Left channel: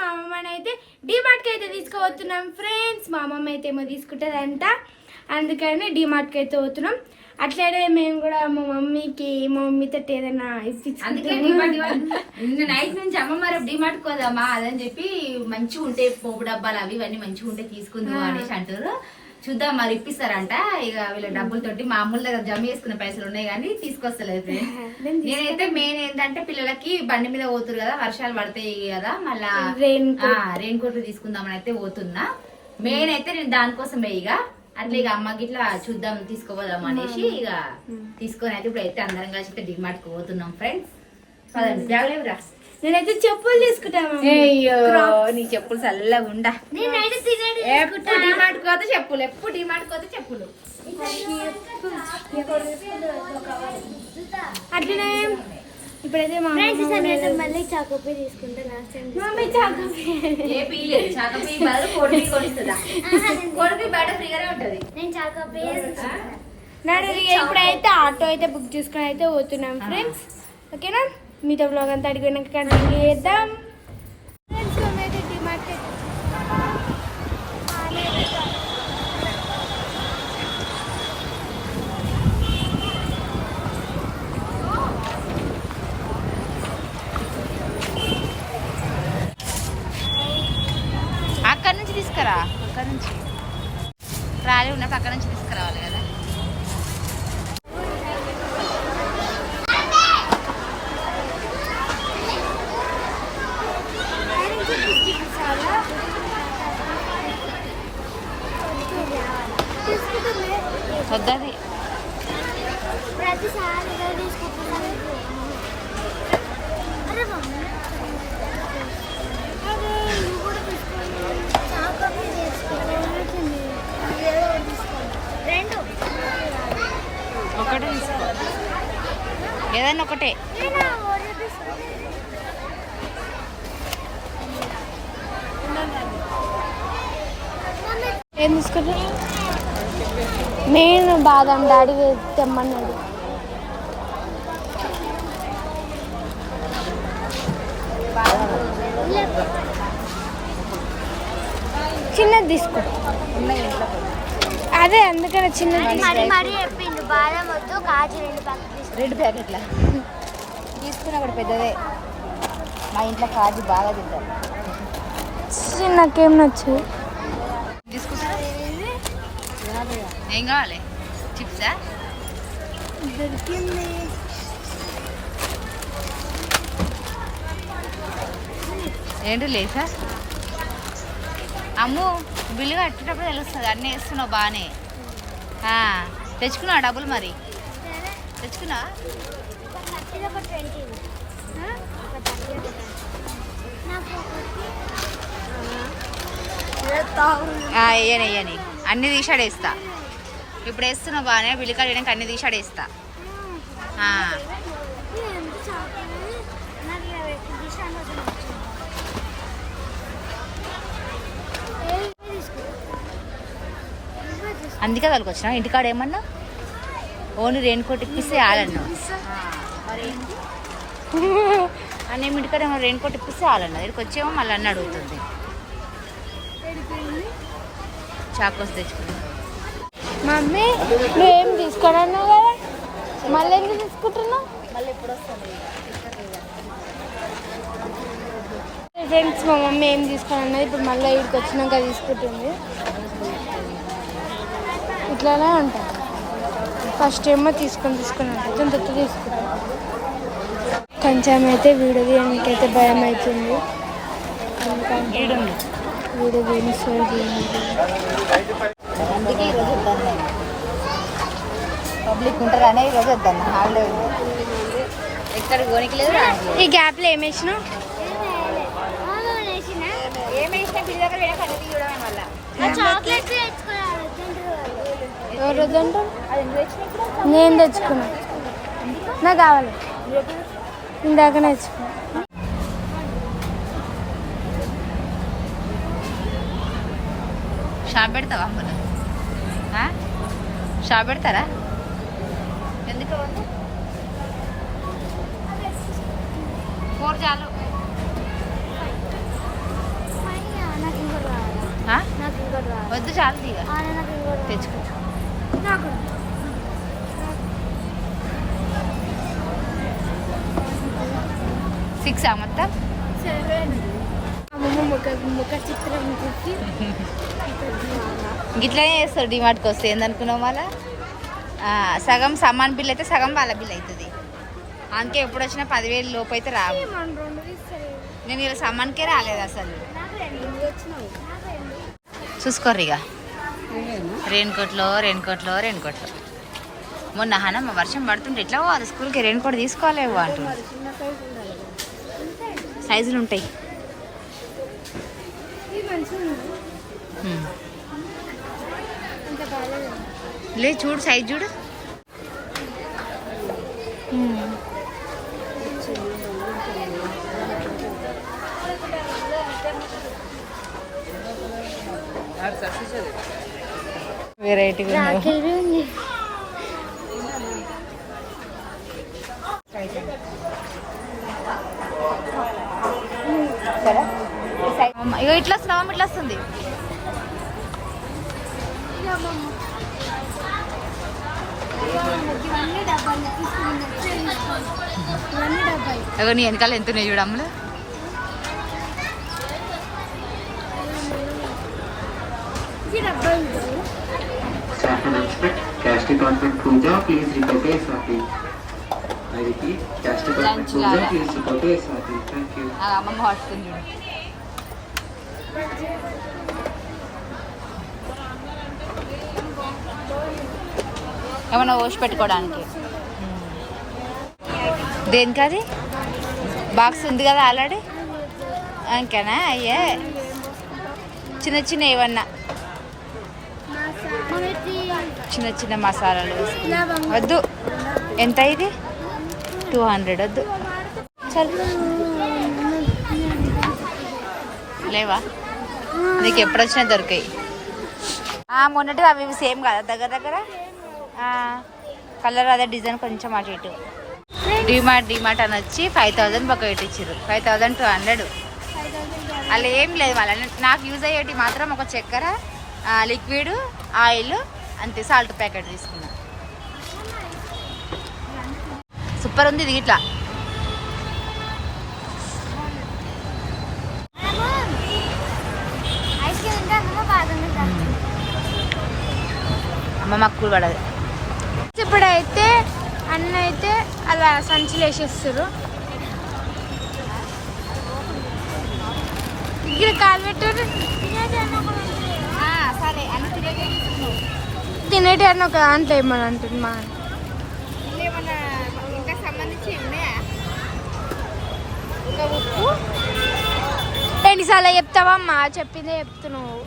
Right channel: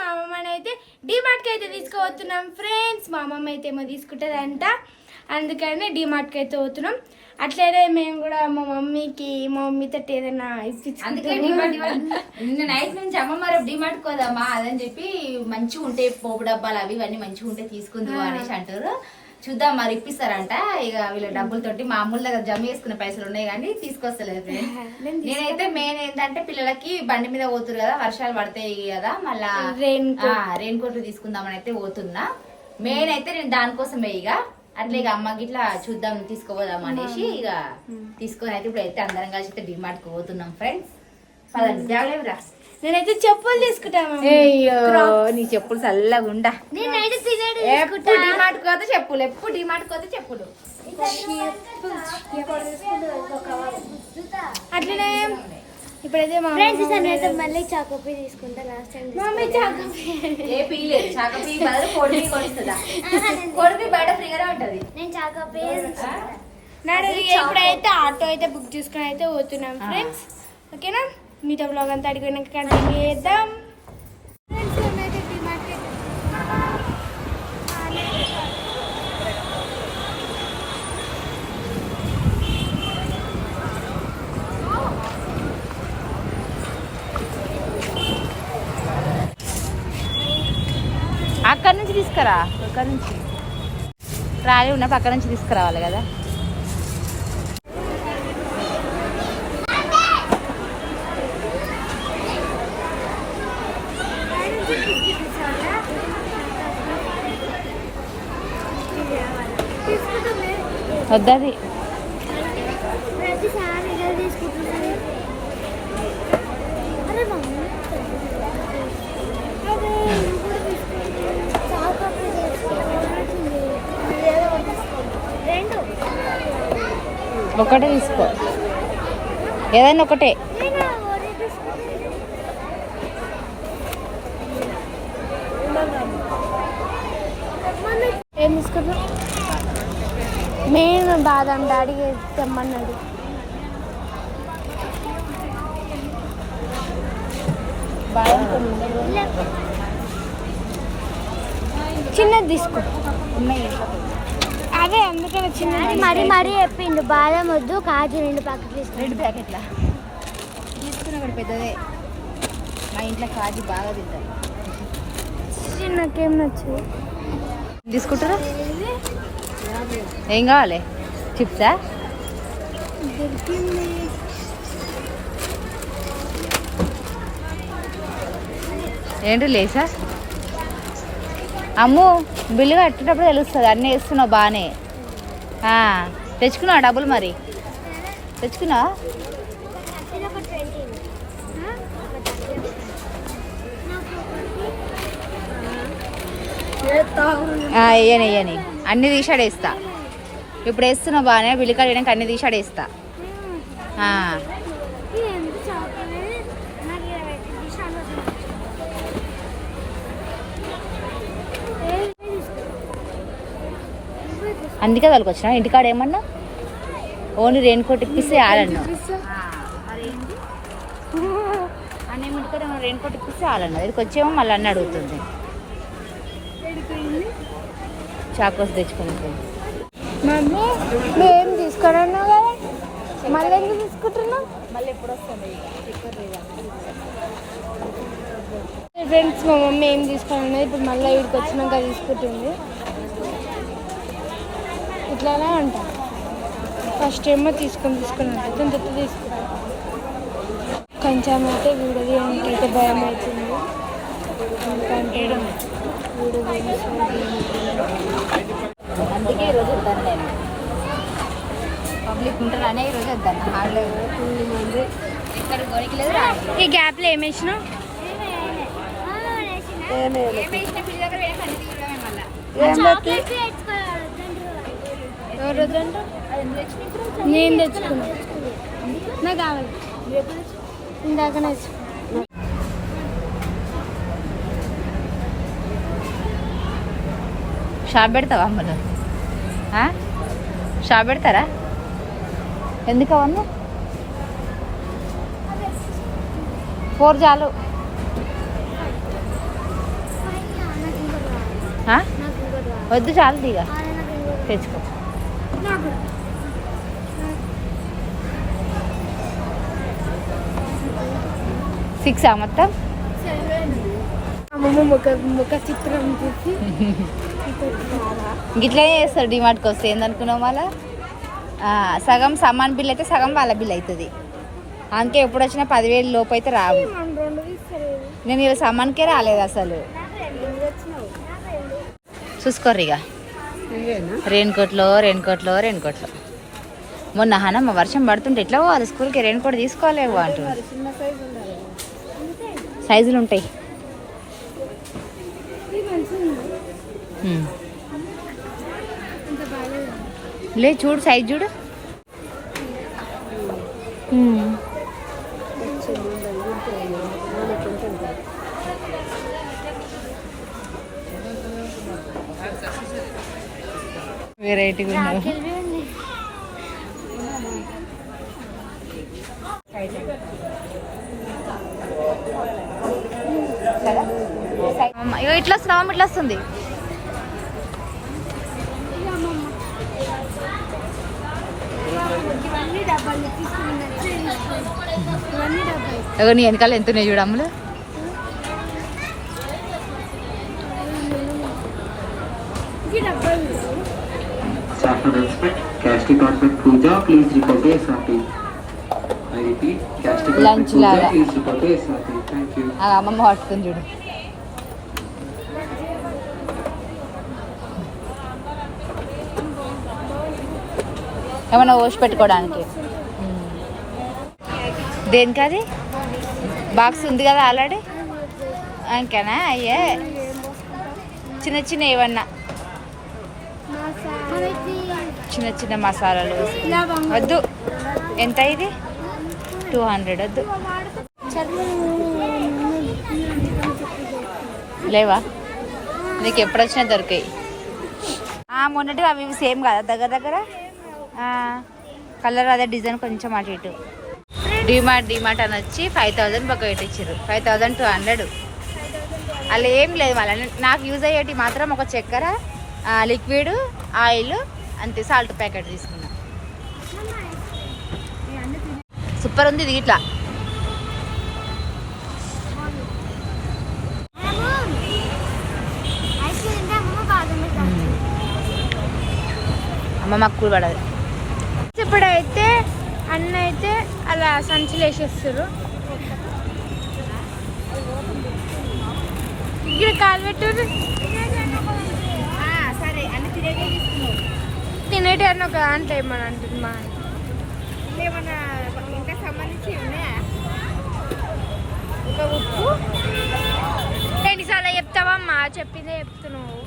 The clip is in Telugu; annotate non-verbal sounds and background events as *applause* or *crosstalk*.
మా అమ్మమ్మని అయితే డిమార్ట్కి అయితే తీసుకుపోతున్నాం ఫ్రెండ్స్. మా అమ్మమ్మ అయితే ఏమో తీసుకుంటుందంట. అందుకని డిమార్ట్కి అయితే పోతున్నాం. అట్లనే మేము కూడా మా మమ్మీకి మా మమ్మీతో ఏదైనా ఇప్పించుకుంటాం డిమార్ట్ డిమార్ట్. నిన్న నైట్ నుంచి అమ్మ మరి డిమార్ట్ కోదామా అదని చెప్పి మంచిగా ఉంటే పోపు డబ్బాలు అవి ఇవన్నీ మంచిగా ఉంటే తీసుకుందాం అనేసి అంటారు. చూద్దాం మరి ఇప్పిస్తారంట. ఇక వీళ్ళ డబ్బులతోటి మా అమ్ముల దగ్గర జమ చేసుకునే పైసలు ఉన్నాయి కానీ తీసుకొస్తలేదు నేనైతే మెయిన్ ఏంటంటే పిల్లలకి బండి మీద పోతురు కదా వర్షాలు పడతాయి కదా మళ్ళా రెయిన్ కోట్ తీసుకుందామని అయితే పోతున్నా. మెయిన్ అయితే నేను దానికోసమే ఇక. అట్లా ఇక అమ్మకి ఇట్లా చూద్దాం తీసుకోపోదాం అనేసి ఇక తీసుకొని అయితే ఇప్పుడు అయితే అందరం కలిసి డిమార్ట్కి పోతున్నాం ఫ్రెండ్స్ పదండి. నేనైతే చెప్పులు తీసుకుంటాను నీ చెప్పులు చల్లగా ఉండా. ఎప్పుడు డిమార్ట్ కోత చెప్పులు ఎప్పుడు డిమార్ట్ కోత చెప్పులు. అట్లనే ఇప్పుడైతే మా మళ్ళీ చాకోపీ తీసుకుంటా last time mummy choco pie ఏ పీలే చాకపీ బదులు కోడి కొడుతుందా? కోడిపి బయట ఫ్రీగానే ఉంటది. నేను చాకోపీ నాడు ఇప్పుడైతే ఆటో అయితే బుక్ చేసుకుని అయితే పోతున్నాం ఫ్రెండ్స్ ఓకేనా మీతో బ్లాగ్ అంతా అడిగినాక కంటిన్యూ చేద్దాం. అక్కడి అక్కడ నుంచి తీసుకురా అక్కడ నుంచి. ట్రాలీ ఉన్న పక్క నుంచి తీసుకురావాలి కదా వద్దది ప్రతిసారి ఇదే తీసుకుంటున్నాను అరే మమ్మీ అరే ఇది కూడా తీసుకోండి చాకోపీ తీసుకోండి ఇదేదో తీసుకోండి రెండు. ఒకటే తీసుకో. ఏదైనా ఒకటే. ఏం తీసుకున్నా నేను బాదం డాడీ తెమ్మన్నాడు. చిన్నది తీసుకో. అదే అందుకనే చిన్నది మరి చెప్పిండు బాదం వద్దు కాజు రెండు ప్యాకెట్ రెండు ప్యాకెట్ల? తీసుకున్నా కూడా పెద్దదే. మా ఇంట్లో కాజు బాగా తింటాం ఛీ, నాకేం నచ్చదు. తీసుకుంటారా? ఏం కావాలి? చిప్సా? దొరికింది ఏంటి లేసా? అమ్ము బిల్లు కట్టేటప్పుడు తెలుస్తుంది అన్నీ వేస్తున్నావు బాగానే. తెచ్చుకున్నావు తెచ్చుకున్నావా డబ్బులు మరి? తెచ్చుకున్నావా? వేయని వేయని అన్ని తీసాడేస్తా ఇప్పుడు వేస్తున్నావు బాగానే బిల్లు కట్టడానికి అన్ని తీసాడేస్తా అందుకే వాళ్ళకి వచ్చినా ఇంటికాడ ఏమన్నా? ఓన్లీ రెయిన్ కోట్ ఇప్పిస్తే ఆడన్నా అన్న ఇంటికాడ రెయిన్ కోట్ ఇప్పిస్తే ఆడన్నా దగ్గరికి వచ్చేమో మళ్ళీ అన్న అడుగుతుంది. చాకోస్ తెచ్చుకుని మమ్మీ నువ్వేం తీసుకోనన్నావు కదా? మళ్ళీ ఎందుకు తీసుకుంటున్నావు? మళ్ళీ ఎప్పుడు వస్తాను ఫ్రెండ్స్ మా మమ్మీ ఏం తీసుకోనన్నది ఇప్పుడు మళ్ళీ ఇక్కడికి వచ్చినాక తీసుకుంటుంది. ఇట్లానే ఉంటాం. ఫస్ట్ ఏమో తీసుకొని తీసుకొని ఉంటుంది దాని తీసుకుంటాం కొంచెం అయితే వీడియో తీయడానికి అయితే భయం అవుతుంది. ఎందుకంటే వీడియో తీయనిస్తుంది అందుకే ఈరోజు వద్దాను నేను. పబ్లిక్ ఉంటారనే ఈరోజు వద్దాను. ఎక్కడ. ఈ గ్యాప్లో ఏం వద్దంటారు నేను తెచ్చుకున్నా. నాకు కావాలి. ఇందాక తెచ్చుకున్నా. షాప్ పెడతావా అమ్మలు షాప్ పెడతారా? ఎందుకు అవన్నీ? ఫోర్ చాలు. వద్దు చాలు తీగ. తెచ్చుకో. సిక్సా మొత్తం? *laughs* గిట్లనే చేస్తారు డిమార్ట్కి వస్తే ఏందనుకున్నావు మళ్ళా? సగం సమాన్ బిల్ అయితే సగం వాళ్ళ బిల్ అవుతుంది అందుకే ఎప్పుడు వచ్చినా పదివేలు లోపు అయితే రావు. నేను ఇలా సమాన్కే రాలేదు అసలు. చూసుకోర్రు ఇక రెయిన్ కోట్లో రెయిన్ కోట్లో రెయిన్ కోట్లో మొన్న హనమ్మ వర్షం పడుతుంటే ఎట్లా పోవాలి? స్కూల్కి రెయిన్ కోట్ తీసుకోలేవు అంటుంది. సైజులు ఉంటాయి. లే చూడు సైజ్ చూడు. వెరైటీగా ఉన్నావు ఇట్లా అమ్మ ఇట్లా వస్తుంది. ASAP. I repeat, cash department Lunch puja, లాగా. అమ్మమ్మ పట్టుకుంది చూడు ఏమైనా ఓసి పెట్టుకోవడానికి. దేనికి అది బాక్స్ ఉంది కదా ఆల్రెడీ? ఇంకేనా అయ్యే. చిన్న చిన్న ఏమన్నా చిన్న చిన్న మసాలాలు వద్దు. ఎంత ఇది? టూ హండ్రెడ్ వద్దు. లేవా? నీకు ఎప్పుడు వచ్చినా దొరికాయి మొన్నటి అవి సేమ్ కదా దగ్గర దగ్గర? కలర్ అదే డిజైన్ కొంచెం అటు ఇటు. డిమార్ట్ డిమార్ట్ అని వచ్చి ఫైవ్ థౌజండ్ బకెట్ ఇచ్చారు ఫైవ్ థౌజండ్ టూ హండ్రెడ్ అలా ఏం లేదు మళ్ళీ. నాకు యూజ్ అయ్యేటి మాత్రం ఒక చక్కెర లిక్విడ్ ఆయిల్ అంతే సాల్ట్ ప్యాకెట్ తీసుకున్నా. సూపర్ ఉంది ఇది ఇట్లా. అమ్మ మాకు కూల్ పడదు. ఇప్పుడైతే అన్న అయితే అలా సంచులు వేసేస్తారు ఇక్కడ కాలు పెట్టారు. సరే అన్ని తినేటి అని ఒక దాంట్లో ఏమని అంటుంది మా. ఇంకా సంబంధించి ఎన్నిసార్లు చెప్తావమ్మా? చెప్పిందే చెప్తున్నావు.